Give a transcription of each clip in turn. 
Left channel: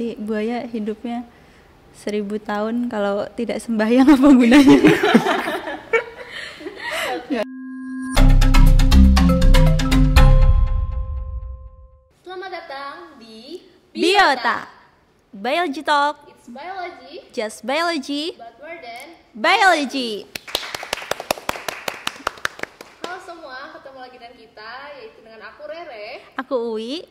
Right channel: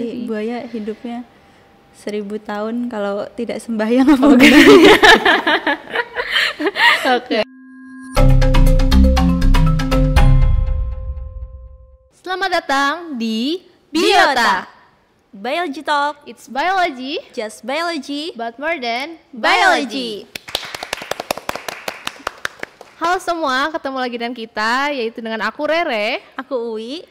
Berarti buaya hidupnya 1000 tahun kalau tidak sembahyang apa gunanya? Oke. Selamat datang di Biota. Biology Talk, It's Biology, just biology, but more than biology. Halo semua, ketemu lagi dengan kita, yaitu dengan aku Rere. Aku Uwi.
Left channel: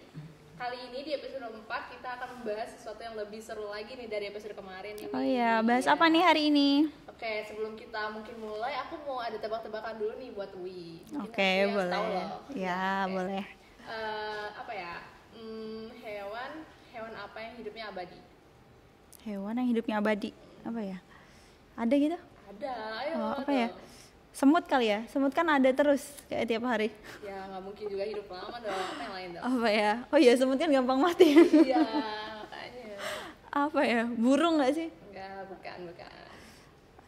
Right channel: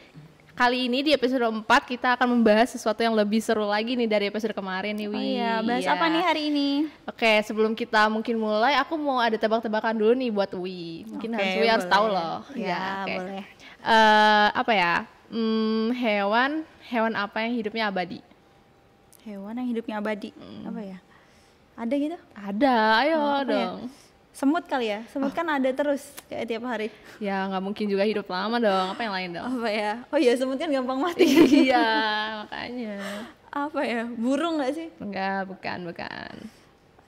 Kali ini di episode 4 kita akan membahas sesuatu yang lebih seru lagi nih dari episode kemarin nih, Wi. Oh iya, bahas apa nih hari ini? Oke, sebelum kita mungkin mulai, aku mau ada tebak-tebakan dulu nih buat Wi. Mungkin Oke, Wi harus boleh. tahu loh. Ya, oke. boleh. Apa ya? Hewan apa yang hidupnya abadi? Hewan yang hidupnya abadi. Apa ya? Ada gitu? Ada, ayo Apa dong. ya? Semut kali ya? Semut kan ada terus kayak tiap hari. Ya nggak mungkin juga hidup lama dong. Apa yang lain dong? Apa ya? Oh iya, semut kan gampang mati. Iya, makanya. Apa ya? Burung nggak sih? Enggak, bukan.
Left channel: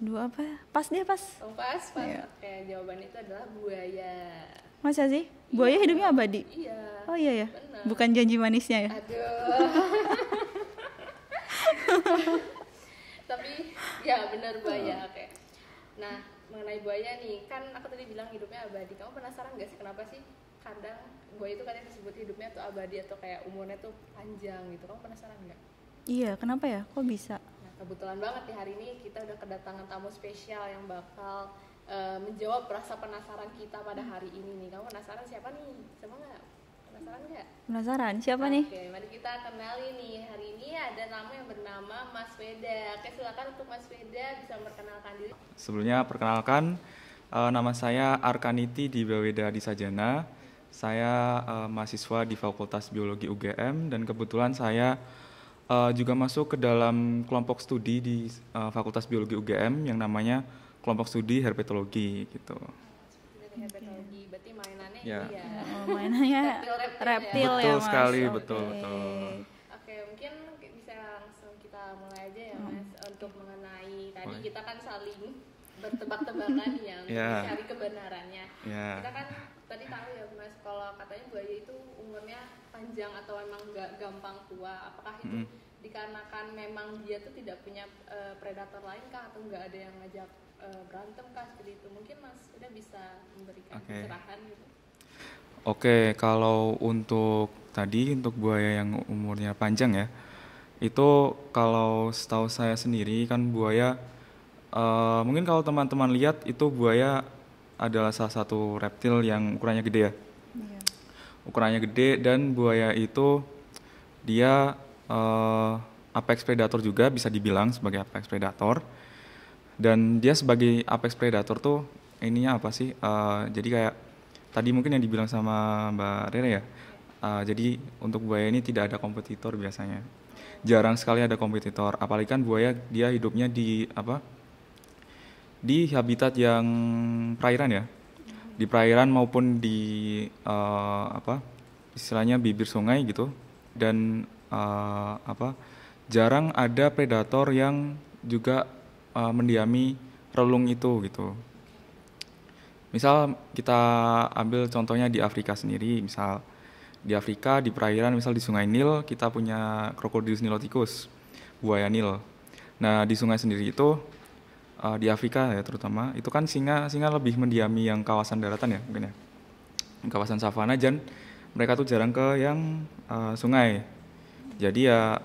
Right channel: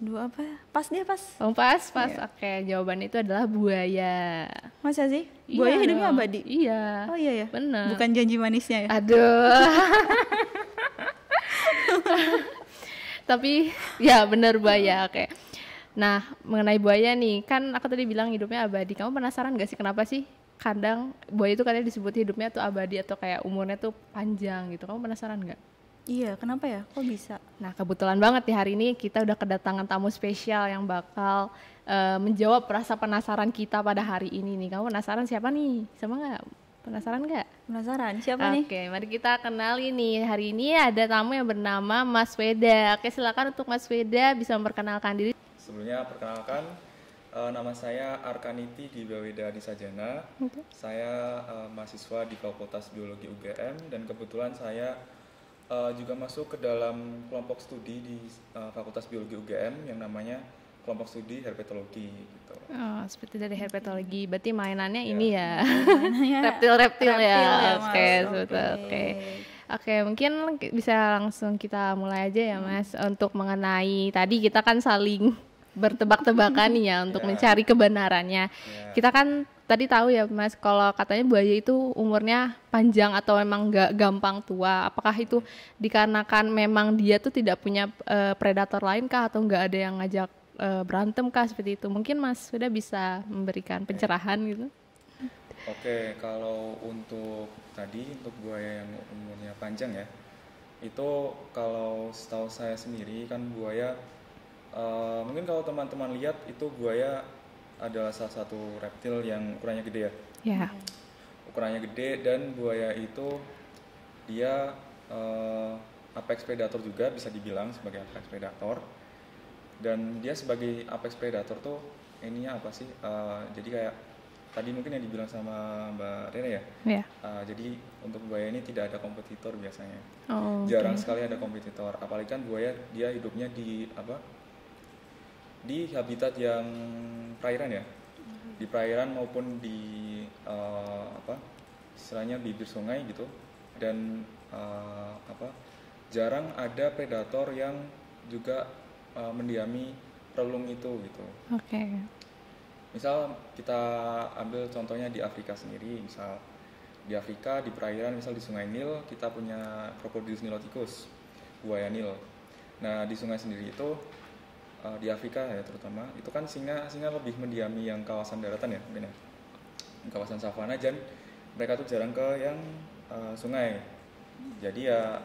Aduh, apa? Pas dia pas. Oh, pas. Iya. Oke, jawaban itu adalah buaya. Masa sih? Buaya Iya hidupnya dong. abadi? Iya. Oh iya ya? Bener. Bukan janji manisnya ya? Aduh. Tapi ya bener buaya, oke. Nah, mengenai buaya nih, kan aku tadi bilang hidupnya abadi. Kamu penasaran gak sih kenapa sih kadang buaya itu katanya disebut hidupnya tuh abadi atau kayak umurnya tuh panjang gitu? Kamu penasaran gak? Iya, kenapa ya? Kok bisa? Nah, kebetulan banget nih hari ini kita udah kedatangan tamu spesial yang bakal menjawab rasa penasaran kita pada hari ini nih. Kamu penasaran siapa nih? Sama nggak? Penasaran nggak? Penasaran? Siapa nih? Oke, mari kita kenali nih. Hari ini ada tamu yang bernama Mas Weda. Oke, silakan untuk Mas Weda bisa memperkenalkan diri. Sebelumnya perkenalkan, nama saya Arkaniti di Weda di Sajana. Saya mahasiswa di Fakultas Biologi UGM dan kebetulan saya juga masuk ke dalam kelompok studi di Fakultas Biologi UGM yang namanya kelompok studi herpetologi gitu. Oh, seperti dari herpetologi. Berarti mainannya Ya. ini ya. Mainannya Reptil ya. reptil ya, Mas. Oke, Sekali, betul. betul. Oke, mungkin bisa langsung kita mulai aja ya, Mas, untuk mengenai tadi kita kan saling bertebak-tebakan nih ya untuk Ya. mencari kebenarannya. Ya. Kita kan tadi tahu ya, Mas, kalau katanya buaya itu umurnya panjang atau memang nggak gampang tua. Apakah itu dikarenakan memang dia tuh tidak punya predator lain kah atau nggak ada yang ngajak berantem kah seperti itu? Mungkin Mas sudah bisa memberikan pencerahan gitu. Oke, kalau untuk buaya yang umurnya panjang ya, itu kalau setahu saya sendiri kan buaya, mungkin kalau teman-teman lihat itu buaya adalah salah satu reptil yang ukurannya gede ya. Ya. Ukurannya gede dan buaya itu dia apex predator juga, bisa dibilang sebagai apex predator. Dan dia sebagai apex predator tuh ininya apa sih? Jadi kayak tadi mungkin yang dibilang sama Mbak Rere ya. Ya. Jadi untuk buaya ini tidak ada kompetitor biasanya. Oh. Jarang sekali ada kompetitor. Apalagi kan buaya dia hidupnya di di habitat yang perairan ya. Di perairan maupun di istilahnya bibir sungai gitu. Dan jarang ada predator yang juga mendiami relung itu gitu. Oke. Misal kita ambil contohnya di Afrika sendiri, misal di Afrika di perairan, misal di Sungai Nil kita punya Crocodylus niloticus, buaya Nil. Nah di sungai sendiri itu di Afrika ya terutama itu kan singa lebih mendiami yang kawasan daratan ya mungkin ya, kawasan savana, dan mereka tuh jarang ke yang sungai. Jadi ya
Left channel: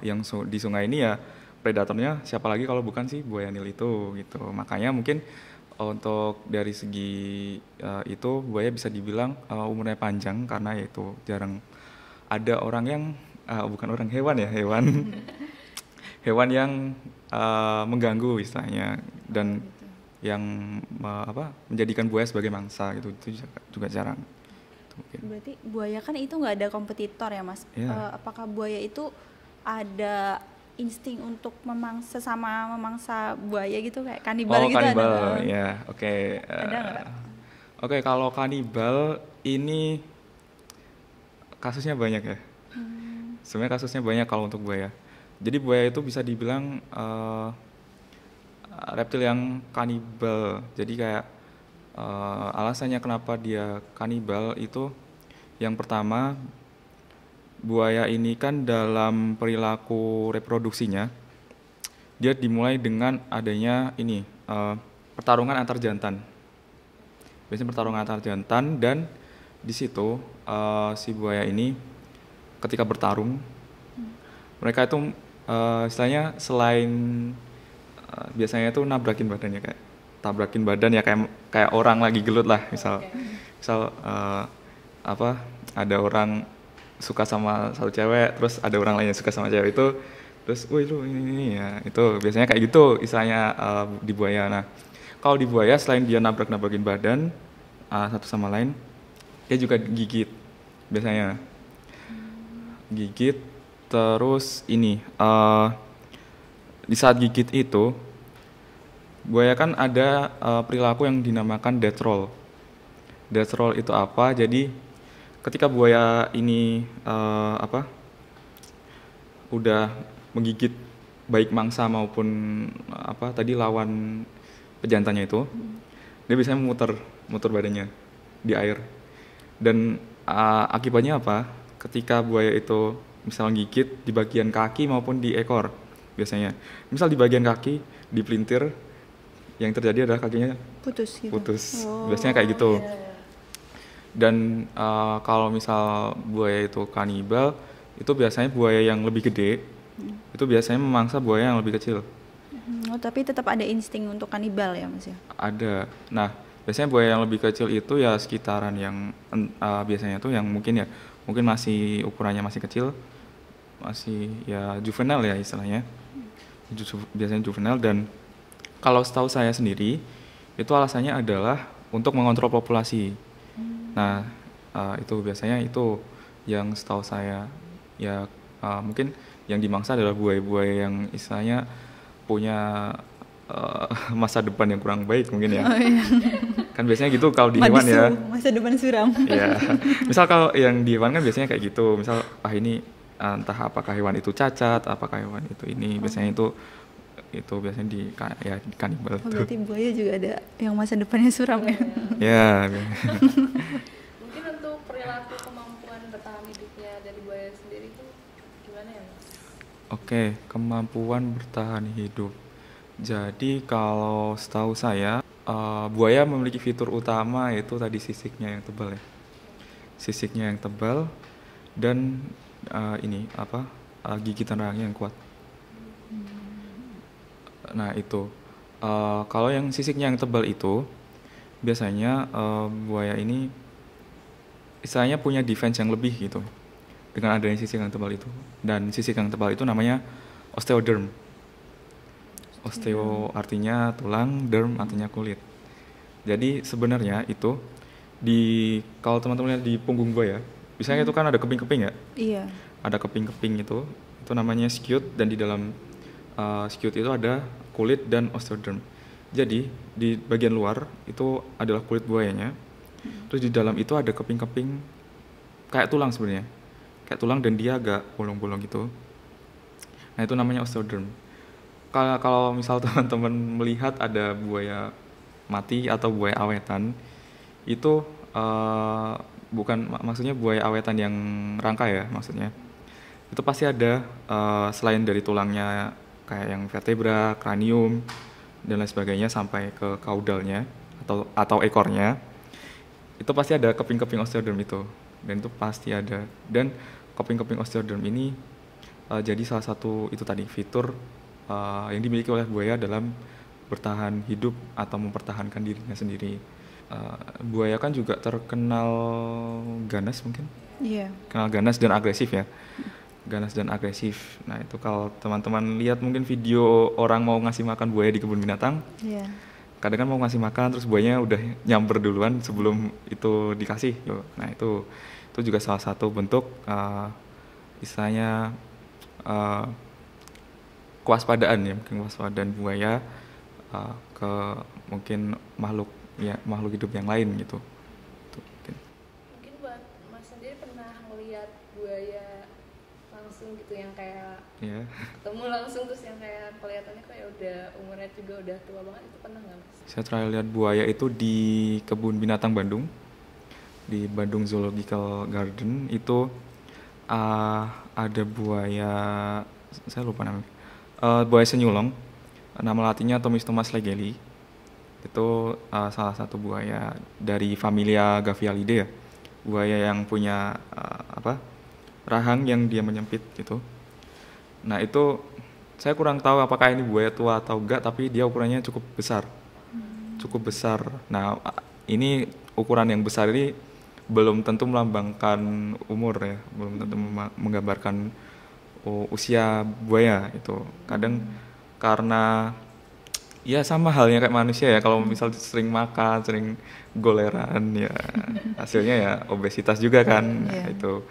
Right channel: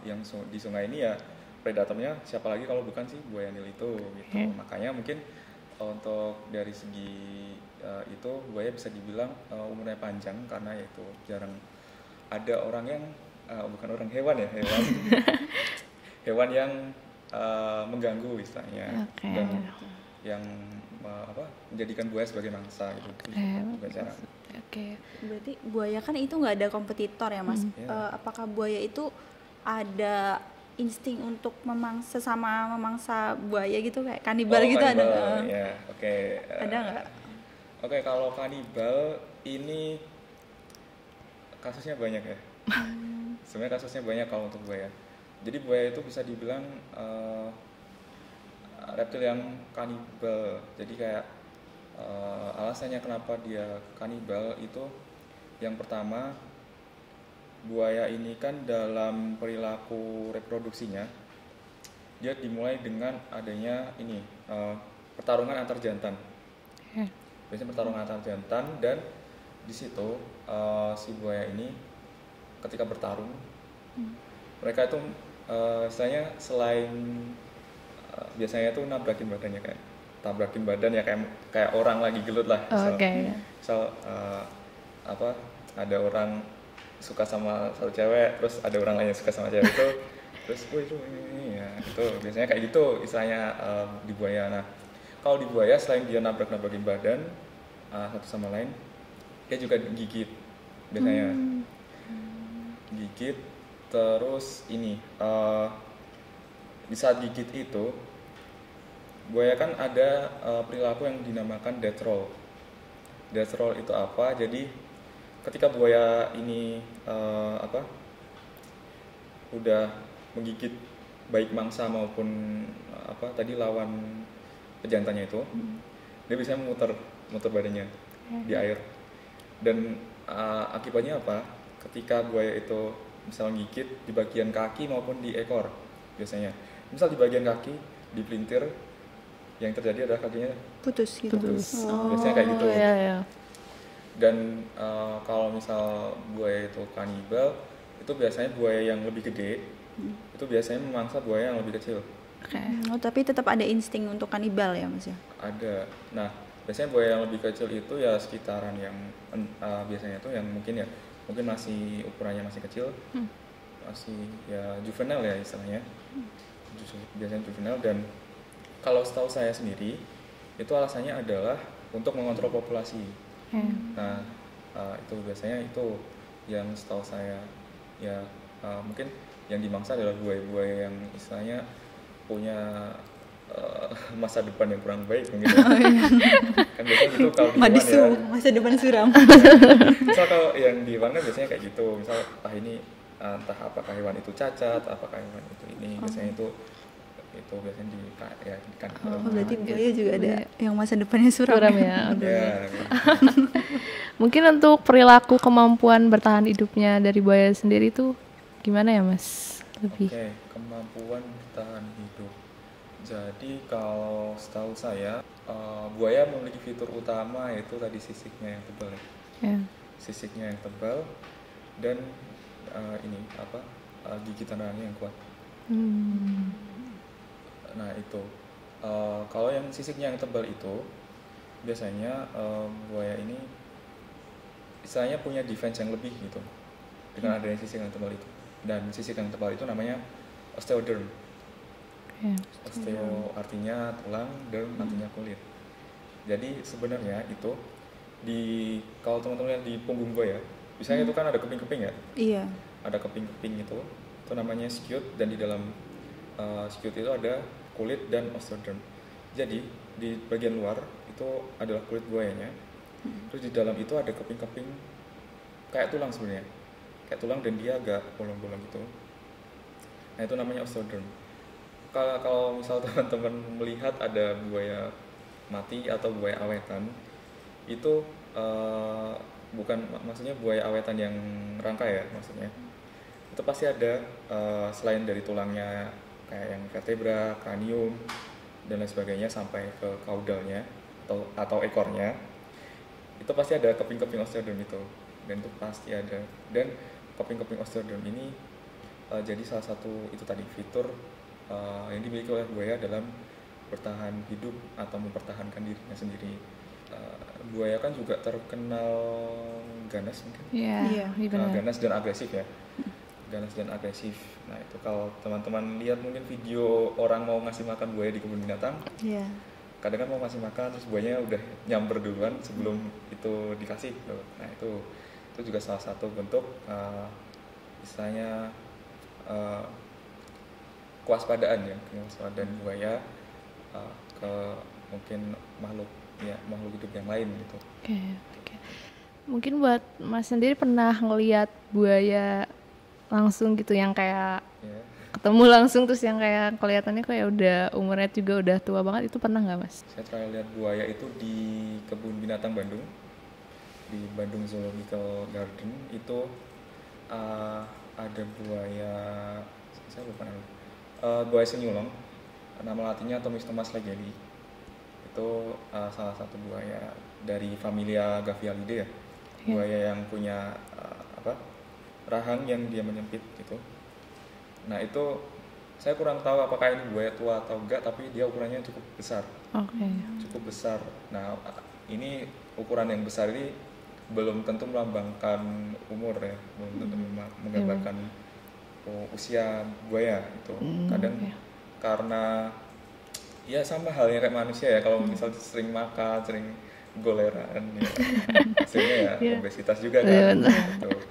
yang di sungai ini ya predatornya siapa lagi kalau bukan si buaya Nil itu gitu. Makanya mungkin untuk dari segi itu buaya bisa dibilang umurnya panjang karena yaitu jarang ada orang yang hewan hewan yang mengganggu istilahnya. Oke. Dan yang menjadikan buaya sebagai mangsa gitu itu juga jarang. Oke. Berarti buaya kan itu nggak ada kompetitor ya, Mas? Iya. Apakah buaya itu ada insting untuk memangsa buaya gitu kayak kanibal gitu kanibal, ada? ya, oke. Ada nggak? Oke, kalau kanibal ini kasusnya banyak ya. Sebenarnya kasusnya banyak kalau untuk buaya. Jadi buaya itu bisa dibilang reptil yang kanibal. Jadi kayak alasannya kenapa dia kanibal itu yang pertama buaya ini kan dalam perilaku reproduksinya dia dimulai dengan adanya ini pertarungan antar jantan. Biasanya pertarungan antar jantan, dan di situ si buaya ini ketika bertarung mereka itu istilahnya selain biasanya itu nabrakin badannya, kayak tabrakin badan ya, kayak orang lagi gelut lah, misal apa, ada orang suka sama satu cewek, terus ada orang lain yang suka sama cewek itu, terus woi lu ini ya, itu biasanya kayak gitu istilahnya di buaya. Nah kalau di buaya selain dia nabrakin badan satu sama lain, dia juga gigit biasanya. Gigit, terus ini di saat gigit itu buaya kan ada perilaku yang dinamakan death roll. Death roll itu apa? Jadi ketika buaya ini udah menggigit baik mangsa maupun tadi lawan pejantannya itu, dia biasanya muter badannya di air. Dan akibatnya apa? Ketika buaya itu misal gigit di bagian kaki maupun di ekor biasanya. Misal di bagian kaki dipelintir, yang terjadi adalah kakinya putus gitu. Biasanya kayak gitu. Dan kalau misal buaya itu kanibal, itu biasanya buaya yang lebih gede itu biasanya memangsa buaya yang lebih kecil. Tapi tetap ada insting untuk kanibal ya Mas ya? Ada. Nah biasanya buaya yang lebih kecil itu ya sekitaran yang biasanya tuh yang mungkin masih ukurannya masih kecil, masih ya juvenile ya istilahnya, biasanya juvenile. Dan kalau setahu saya sendiri itu alasannya adalah untuk mengontrol populasi. Nah itu biasanya itu yang setahu saya ya, mungkin yang dimangsa adalah buaya-buaya yang istilahnya punya masa depan yang kurang baik mungkin ya. Kan biasanya gitu kalau di hewan ya. Masa depan suram. Misal kalau yang di hewan kan biasanya kayak gitu. Misal ini entah apakah hewan itu cacat, apakah hewan itu ini, biasanya itu biasanya di kanibal. Berarti buaya juga ada yang masa depannya suram ya. Ya. Mungkin untuk perilaku kemampuan bertahan hidupnya dari buaya sendiri itu gimana ya Mas? Oke, kemampuan bertahan hidup. Jadi kalau setahu saya buaya memiliki fitur utama yaitu tadi sisiknya yang tebal ya. Sisiknya yang tebal dan gigitan rahangnya yang kuat. Nah itu kalau yang sisiknya yang tebal itu biasanya buaya ini istilahnya punya defense yang lebih gitu dengan adanya sisik yang tebal itu. Dan sisik yang tebal itu namanya osteoderm. Osteo artinya tulang, derm artinya kulit. Jadi sebenarnya itu kalau teman-teman lihat di punggung buaya, biasanya itu kan ada keping-keping ya. Iya. Ada keping-keping itu namanya scute, dan di dalam scute itu ada kulit dan osteoderm. Jadi di bagian luar itu adalah kulit buayanya. Terus di dalam itu ada keping-keping kayak tulang sebenarnya. Kayak tulang dan dia agak bolong-bolong gitu. Nah itu namanya osteoderm. Kalau misal teman-teman melihat ada buaya mati atau buaya awetan, itu maksudnya buaya awetan yang rangka ya maksudnya. Itu pasti ada selain dari tulangnya kayak yang vertebra, kranium dan lain sebagainya sampai ke kaudalnya atau ekornya. Itu pasti ada keping-keping osteoderm itu, dan itu pasti ada. Dan keping-keping osteoderm ini jadi salah satu itu tadi fitur yang dimiliki oleh buaya dalam bertahan hidup atau mempertahankan dirinya sendiri. Buaya kan juga terkenal ganas mungkin. Terkenal ganas dan agresif ya. Ganas dan agresif. Nah itu kalau teman-teman lihat mungkin video orang mau ngasih makan buaya di kebun binatang. Kadang kan mau ngasih makan terus buayanya udah nyamber duluan sebelum itu dikasih. Nah itu juga salah satu bentuk istilahnya kewaspadaan buaya ke mungkin makhluk hidup yang lain gitu. Mungkin buat Mas sendiri pernah ngelihat buaya langsung gitu yang kayak ketemu langsung terus yang kayak kelihatannya kayak udah umurnya juga udah tua banget, itu pernah nggak Mas? Saya terakhir lihat buaya itu di kebun binatang Bandung, di Bandung Zoological Garden. Itu ada buaya, saya lupa namanya, buaya senyulong, nama latinnya Thomistomas legeli. Itu salah satu buaya dari familia Gavialidae ya, buaya yang punya rahang yang dia menyempit gitu. Nah itu saya kurang tahu apakah ini buaya tua atau enggak, tapi dia ukurannya cukup besar. Cukup besar. Nah ini ukuran yang besar ini belum tentu melambangkan umur ya, belum tentu menggambarkan usia buaya itu. Kadang karena ya sama halnya kayak manusia ya, kalau misal sering makan, sering goleran ya hasilnya ya obesitas juga kan. Gitu.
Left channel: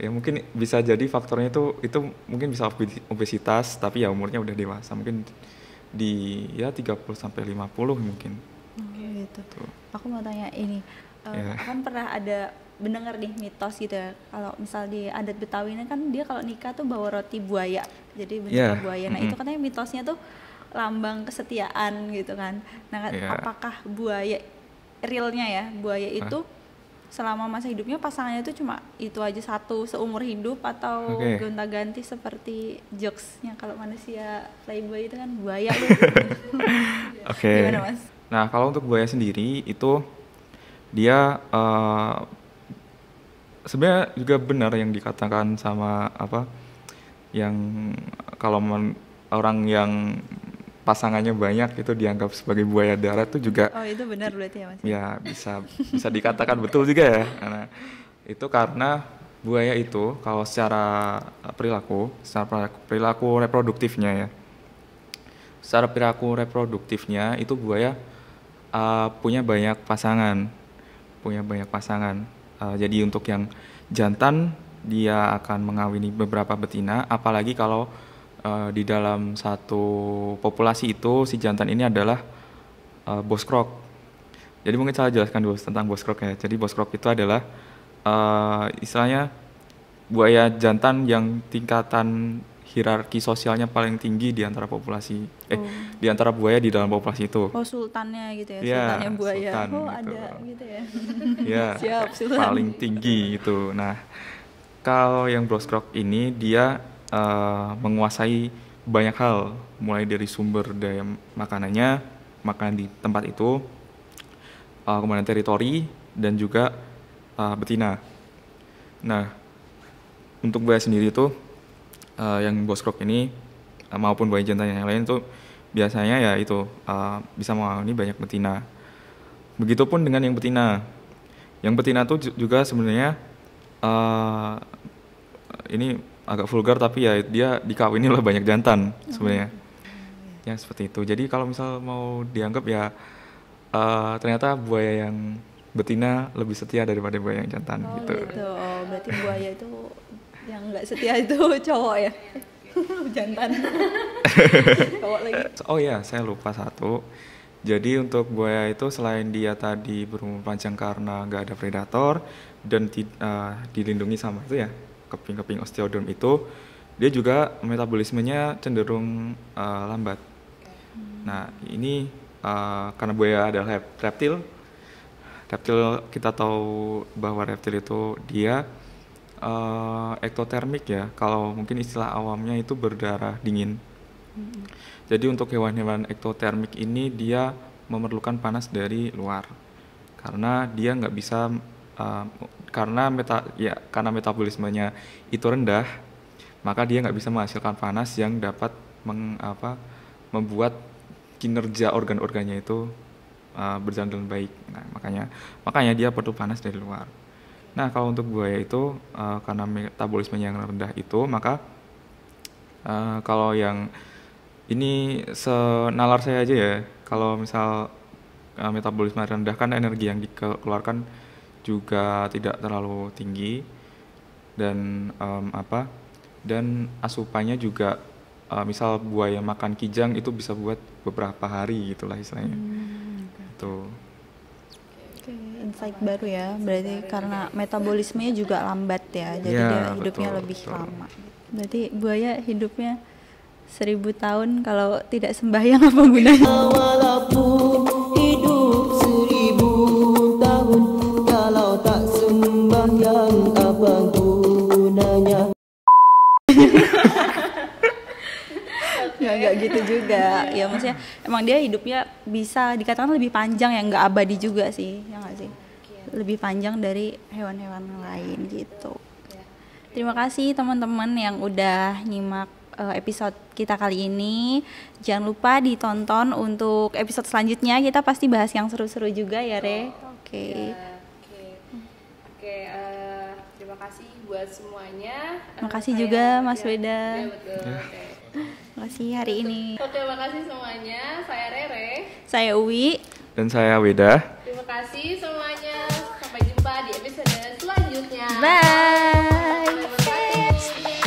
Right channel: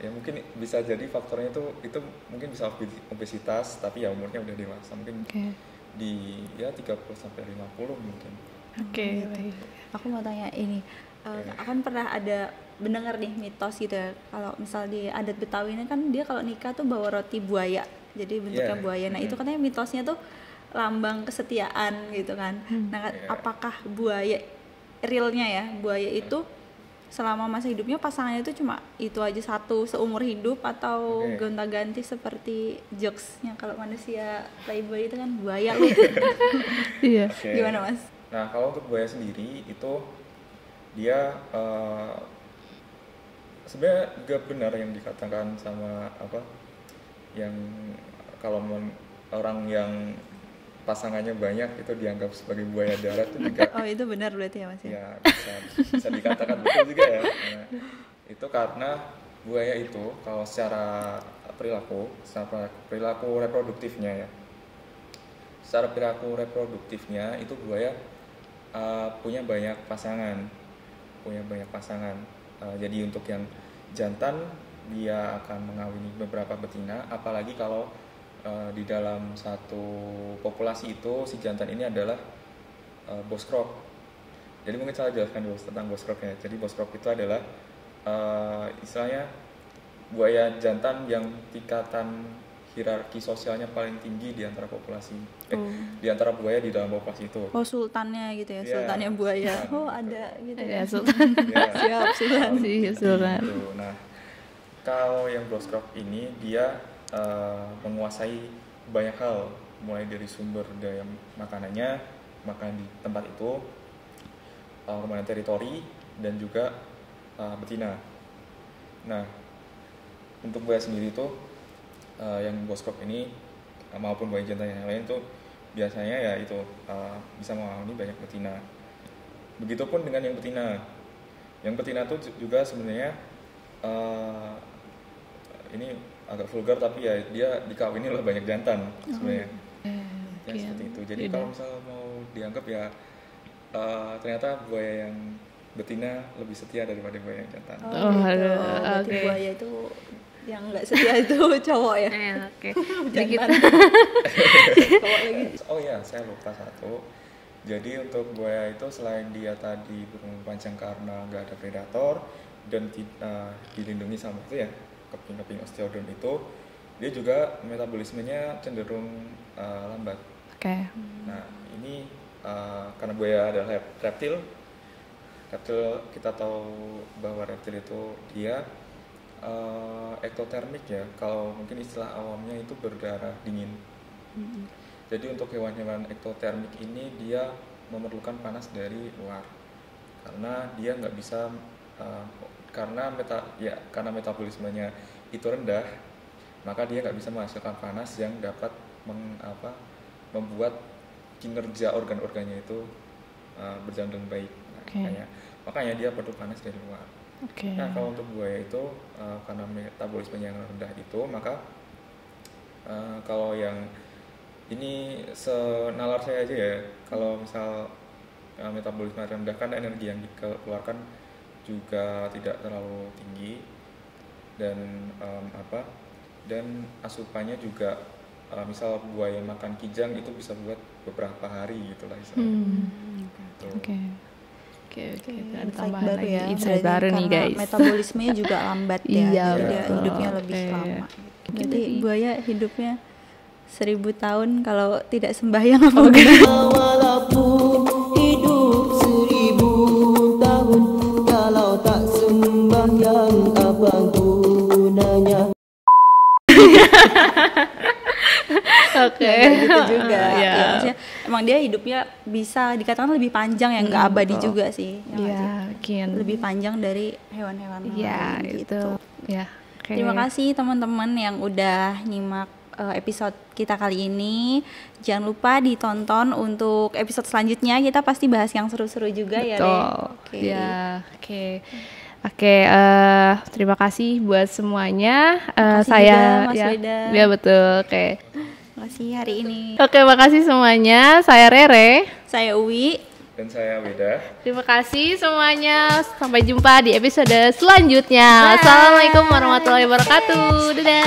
Ya mungkin bisa jadi faktornya itu mungkin bisa obesitas tapi ya umurnya udah dewasa, mungkin di ya 30 sampai 50 mungkin. Gitu. Aku mau tanya ini, aku kan pernah ada mendengar nih mitos gitu ya, kalau misal di adat Betawi ini kan dia kalau nikah tuh bawa roti buaya, jadi bentuknya buaya. Nah itu katanya mitosnya tuh lambang kesetiaan gitu kan. Nah apakah buaya realnya ya, buaya itu selama masa hidupnya pasangannya itu cuma itu aja satu seumur hidup, atau gonta-ganti seperti jokesnya kalau manusia playboy itu kan buaya lu. Gimana Mas? Nah kalau untuk buaya sendiri itu dia sebenarnya juga benar yang dikatakan sama yang kalau orang yang pasangannya banyak itu dianggap sebagai buaya darat itu juga. Oh itu benar berarti ya Mas? Ya bisa dikatakan betul juga ya. Karena itu karena buaya itu kalau secara perilaku reproduktifnya ya. Secara perilaku reproduktifnya itu buaya punya banyak pasangan. Jadi untuk yang jantan dia akan mengawini beberapa betina, apalagi kalau di dalam satu populasi itu si jantan ini adalah boskrok. Jadi mungkin saya jelaskan dulu tentang boskrok ya. Jadi boskrok itu adalah istilahnya buaya jantan yang tingkatan hierarki sosialnya paling tinggi di antara populasi, di antara buaya di dalam populasi itu. Oh sultannya gitu ya, sultannya buaya. Sultan, ada gitu ya sultan. Siap sultan. Paling tinggi gitu. Nah kalau yang boskrok ini dia menguasai banyak hal, mulai dari sumber daya makanannya, makanan di tempat itu, kemudian teritori dan juga betina. Nah, untuk buaya sendiri itu yang boskrok ini maupun buaya jantan yang lain itu biasanya ya itu bisa mengawini banyak betina. Begitupun dengan yang betina. Yang betina itu juga sebenarnya ini agak vulgar tapi ya dia dikawini oleh banyak jantan sebenarnya. Yang seperti itu. Jadi kalau misal mau dianggap ya ternyata buaya yang betina lebih setia daripada buaya yang jantan. Berarti buaya itu yang nggak setia itu cowok ya? Jantan. Cowok lagi. Oh ya, saya lupa satu. Jadi untuk buaya itu selain dia tadi berumur panjang karena nggak ada predator dan dilindungi sama itu ya keping-keping osteodon itu, dia juga metabolismenya cenderung lambat. Nah ini karena buaya adalah reptil kita tahu bahwa reptil itu dia ektotermik ya, kalau mungkin istilah awamnya itu berdarah dingin. Jadi untuk hewan-hewan ektotermik ini dia memerlukan panas dari luar karena dia nggak bisa karena metabolismenya itu rendah, maka dia nggak bisa menghasilkan panas yang dapat membuat kinerja organ-organnya itu berjalan dengan baik. Nah, makanya dia perlu panas dari luar. Nah kalau untuk buaya itu karena metabolismenya yang rendah itu, maka kalau yang ini senalar saya aja ya, kalau misal metabolisme rendah kan energi yang dikeluarkan juga tidak terlalu tinggi dan dan asupannya juga misal buaya makan kijang itu bisa buat beberapa hari gitulah istilahnya. Insight baru ya, berarti karena metabolismenya juga lambat ya, jadi dia hidupnya lebih lama. Berarti buaya hidupnya 1000 tahun kalau tidak sembahyang apa gunanya? Walaupun hidup 1000 tahun kalau tak sembahyang apa gunanya? Oke. Nggak gitu juga. Iya. Ya maksudnya emang dia hidupnya bisa dikatakan lebih panjang ya, nggak abadi juga sih. Ya nggak Iya, sih? mungkin. Lebih panjang dari hewan-hewan lain gitu. Ya. Oke. Terima kasih teman-teman yang udah nyimak episode kita kali ini. Jangan lupa ditonton untuk episode selanjutnya. Kita pasti bahas yang seru-seru juga ya, Re. Oke. Ya, oke. Oke, terima kasih buat semuanya. Makasih Saya juga, Mas ya, Weda. Ya betul. Oke. Makasih hari ini. Oke, makasih semuanya. Saya Rere. Saya Uwi. Dan saya Weda. Terima kasih semuanya. Sampai jumpa di episode selanjutnya. Bye. Assalamualaikum warahmatullahi wabarakatuh. Dadah.